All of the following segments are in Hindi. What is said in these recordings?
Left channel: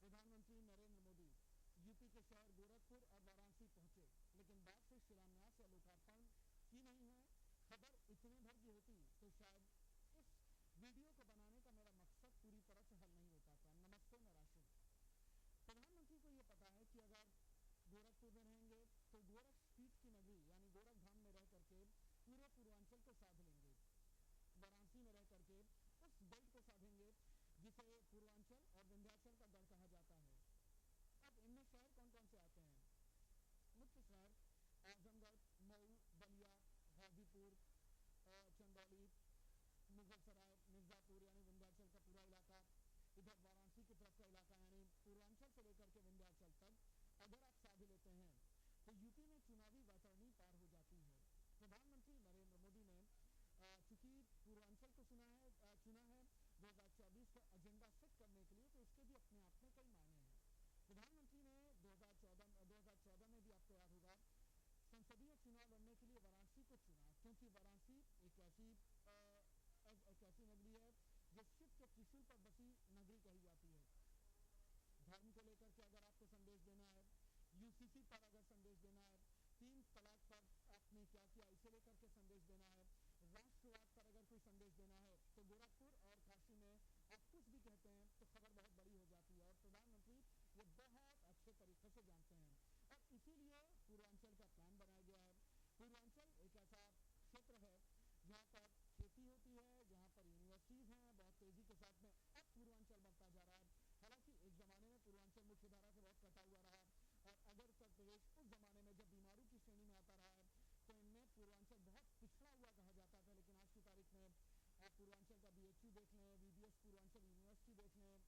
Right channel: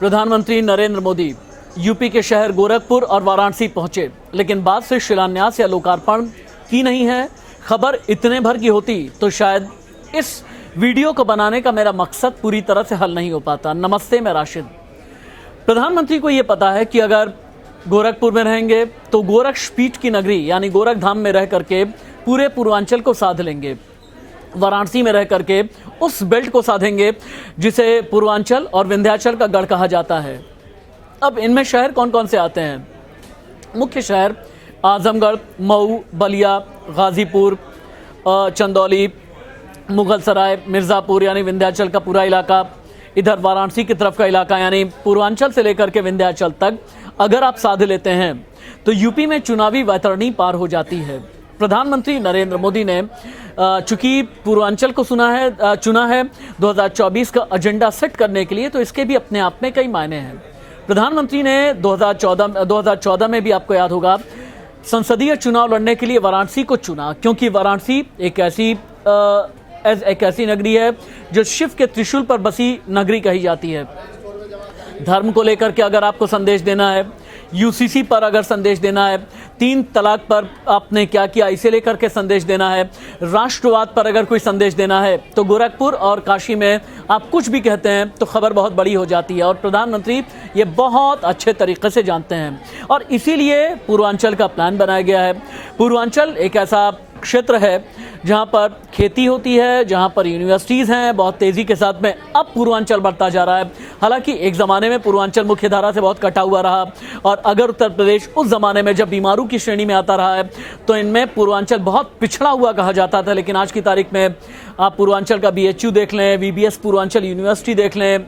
प्रधानमंत्री नरेंद्र मोदी यूपी के शहर गोरखपुर और वाराणसी पहुंचे, लेकिन बाद से शिलान्यास या लोकार्पण की नहीं है। खबर इतने भर की होती तो शायद इस वीडियो को बनाने का मेरा मकसद पूरी तरह से हल नहीं हो पाता। नमस्ते, मैं राशिद। प्रधानमंत्री को यह पता है कि अगर गोरखपुर में रहेंगे तो गोरक्षपीठ की नगरी यानी गोरखधाम में रह करके पूरे पूर्वांचल को साध लेंगे, वाराणसी में रह करके उस बेल्ट को साधेंगे जिसे पूर्वांचल और विंध्याचल का गढ़ कहा जाता है। अब इनमें शहर कौन कौन से आते हैं? मुख्य शहर आजमगढ़, मऊ, बलिया, गाजीपुर, चंदौली, मुगलसराय, मिर्जापुर यानी विंध्याचल का पूरा इलाका, इधर वाराणसी की तरफ का इलाका यानी पूर्वांचल से लेकर के विंध्याचल तक अगर आप साध लेते हैं तो यूपी में चुनावी वैतरणी पार हो जाती है। प्रधानमंत्री नरेंद्र मोदी ने चूंकि पूर्वांचल को चुना है 2024 का एजेंडा सेट करने के लिए, तो इसके भी अपने आप में कई मायने हैं। प्रधानमंत्री ने 2014 में भी आपको याद होगा संसदीय चुनाव लड़ने के लिए वाराणसी को चुना, क्योंकि वाराणसी एक ऐसी नगरी है जो शिव के त्रिशूल पर बसी नगरी कही जाती है। धर्म को लेकर के अगर आपको संदेश देना है, यूसीसी पर अगर संदेश देना है, 3 तलाक पर आपने क्या किया इसे लेकर के संदेश देना है, राष्ट्रवाद पर अगर कोई संदेश देना है, तो गोरखपुर और काशी में आप कुछ भी कहते हैं तो खबर बहुत बड़ी हो जाती है। और प्रधानमंत्री ये बहुत अच्छे तरीके से जानते हैं और इसीलिए पूर्वांचल का प्लान बनाया गया है। पूर्वांचल एक ऐसा क्षेत्र है जहां पर खेती होती है, जहां पर यूनिवर्सिटीज़ हैं, बहुत तेज़ी के साथ में अब पूर्वांचल बढ़ता जा रहा है। हालांकि एक ज़माने में पूर्वांचल मुख्य धारा से बहुत कटा हुआ रहा और अगर उत्तर प्रदेश उस ज़माने में जब बीमारू की श्रेणी में आता रहा है तो इनमें पूर्वांचल बहुत पिछड़ा हुआ कहा जाता था। लेकिन आज की तारीख में आप पूर्वांचल का BHU देख लें, VBS पूर्वांचल यूनिवर्सिटी देख लें,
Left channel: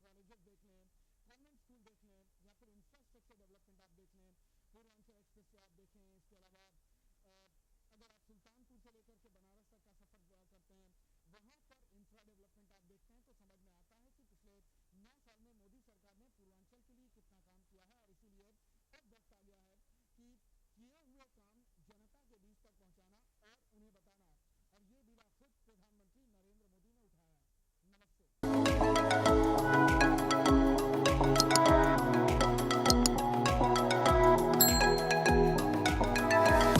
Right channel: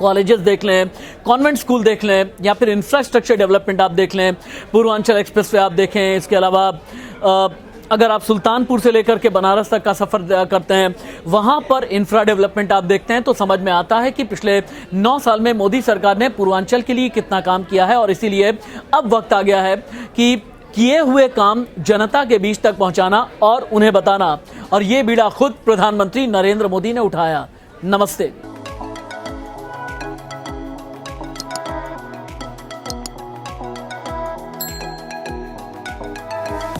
कॉलेजेस देख लें, कॉन्वेंट स्कूल देख लें, या फिर इंफ्रास्ट्रक्चर डेवलपमेंट आप देख लें, पूर्वांचल एक्सप्रेस वे आप देखें। इसके अलावा अगर आप सुल्तानपुर से लेकर के बनारस तक का सफ़र करते हैं, वहाँ पर इंफ्रा डेवलपमेंट आप देखते हैं तो समझ में आता है कि पिछले 9 साल में मोदी सरकार ने पूर्वांचल के लिए कितना काम किया है। और इसीलिए अब वक्त आ गया है कि किए हुए काम जनता के बीच तक पहुँचाना और उन्हें बताना, और ये बीड़ा खुद प्रधानमंत्री नरेंद्र मोदी ने उठाया। नमस्ते।